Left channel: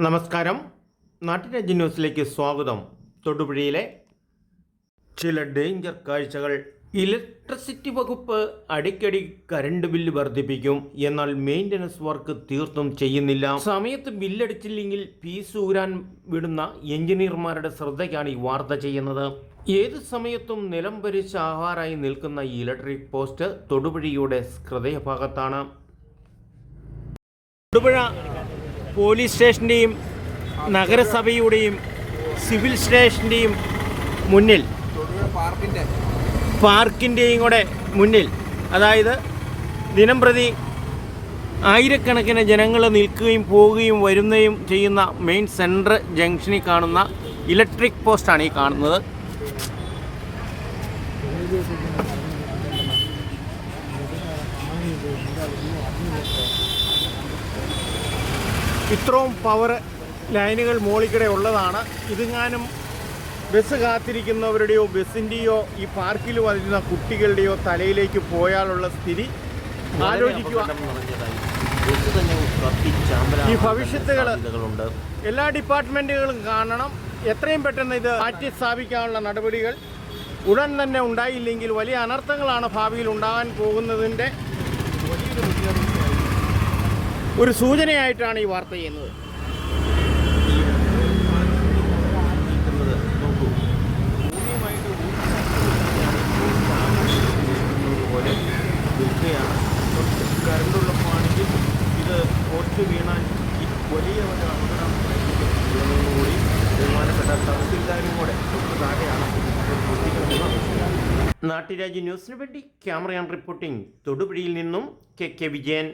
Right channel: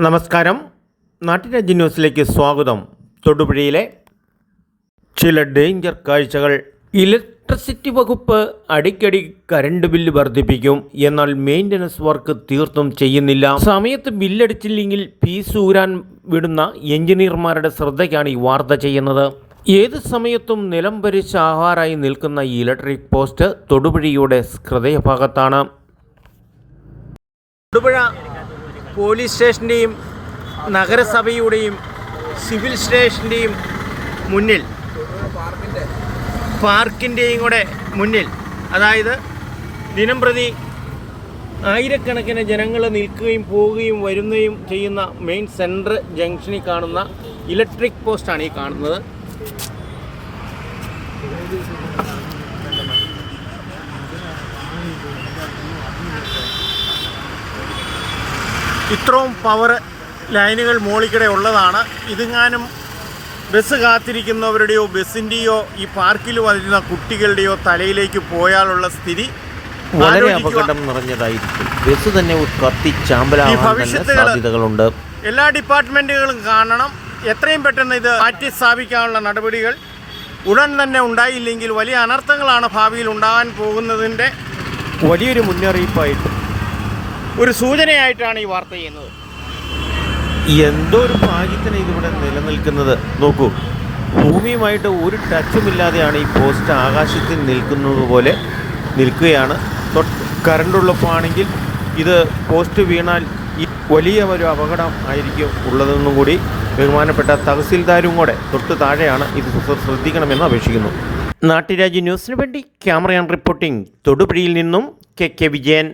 നമസ്കാരം. നാട്ടുരാജ്യ ന്യൂസിലേക്ക് സ്വാഗതം. തൊടുപുഴയിലെ ചില ഡേഞ്ചർ കാഴ്ചകൾ. ഇലക്ട്രിസിറ്റി വകുപ്പ് അടിക്കടി കരണ്ട് ബില്ല് വർദ്ധിപ്പിക്കും. എന്നാൽ മെയിന്റനൻസ് വർക്ക് തീർത്തും ചെയ്യുന്നില്ല. സമയത്ത് ബില്ലടിച്ചില്ലെങ്കിൽ ഫീസ് ഊരാൻ വിടുന്ന എഞ്ചിനീയർമാരുടെ ശ്രദ്ധയ്ക്കാണ് ഈ വാർത്ത ചെയ്യുന്നത്. ഏത് സമയത്തും നിലം പരിച്ച ആഹാരായി നിൽക്കുന്ന ഈ ഇലക്ട്രിക് പോസ്റ്റ് തൊടുപുഴയുടെ ഹൃദയഭാഗത്താണ്. തൊടുപുഴ പോലീസ് സ്റ്റേഷന്റെയും നഗരസഭയുടെയും സിവിൽ സ്റ്റേഷന്റെയും മുന്നിൽ പാർക്കിന്റെയും കൂടെ മുന്നിൽ അതായത് ദിനം പ്രതി ആയിരക്കണക്കിന് ജനങ്ങൾ നിൽക്കുകയും പോവുകയും വരുന്നതും ചെയ്യുന്ന മെയിൻ സെൻട്രൽ ജംഗ്ഷനിൽ കാണുന്ന ഇലക്ട്രിക് പോസ്റ്റാണ് ഈ കാണുന്നത്. ഇത്രയും പവർ ലൈനുകൾ മോളിക്കിടെ ഉള്ളതാണ്. ഇതെങ്ങാനും ബസ് കാത്തിരിക്കുന്നവരുടെയോ ബസ്സിന്റെയോ ഈ പാർക്കിൽ വരുന്ന കുട്ടികളുടെയോ തലയിലേക്ക് പോയാലുള്ള സ്ഥിതി വളരെ അപകടം നിറഞ്ഞതായിരിക്കും ബസ് തന്നെ കത്തി ഈ ചാമ്പലാവാൻ സാധ്യതകളുണ്ട്. എല്ലാ ഡിപ്പാർട്ട്മെന്റുകളും കാണണം. എത്രയും പെട്ടെന്ന് ഇത് മാറ്റി സ്ഥാപിക്കാനുള്ള നടപടികൾ ഉടൻ തന്നെ ഉണ്ടായില്ലെങ്കിൽ വലിയ അനർത്ഥങ്ങളാണ് ഭാവിയിൽ ഉണ്ടാകാൻ പോകുന്നതിന്റെ വലിയൊരു മുന്നറിയിപ്പായിട്ട് ഒരു സൂചനയായിട്ടാണ് ഈ വാർത്ത ചെയ്യുന്നത്. എന്തോ ഒരു ഭാഗ്യത്തിന് ഇതിവിടെ നിലനിൽക്കുന്നത്? നോക്കൂ ഭൂമിയുമായിട്ട് ഒരു ടച്ചുമില്ലാതെയാണ് ഈ പോസ്റ്റ് ആകാശത്തിൽ നിൽക്കുന്നത് പോലെ നിൽക്കുകയാണ്. തൊട്ട് കറണ്ടുള്ളപ്പോൾ ആണെങ്കിൽ ഇത് പോസ്റ്റ് വീണാൽ ഈ വലിയ ഒരു അപകടം ആയിരിക്കും ഉള്ളതെന്നും കൂടി ബഹുമാനപ്പെട്ട തഹസിൽദാരും കൂടെ തൊട്ട് താഴെയാണ് ഇത് ശ്രദ്ധിക്കണമെന്ന് അപേക്ഷിക്കുന്നു. നാട്ടുരാജ്യ ന്യൂസിന് വേണ്ടി ക്യാമറ ആൻഡ് റിപ്പോർട്ടിംഗ്. തൊടുപുഴയിൽ നിന്നും കെ. കെ. വിജയൻ.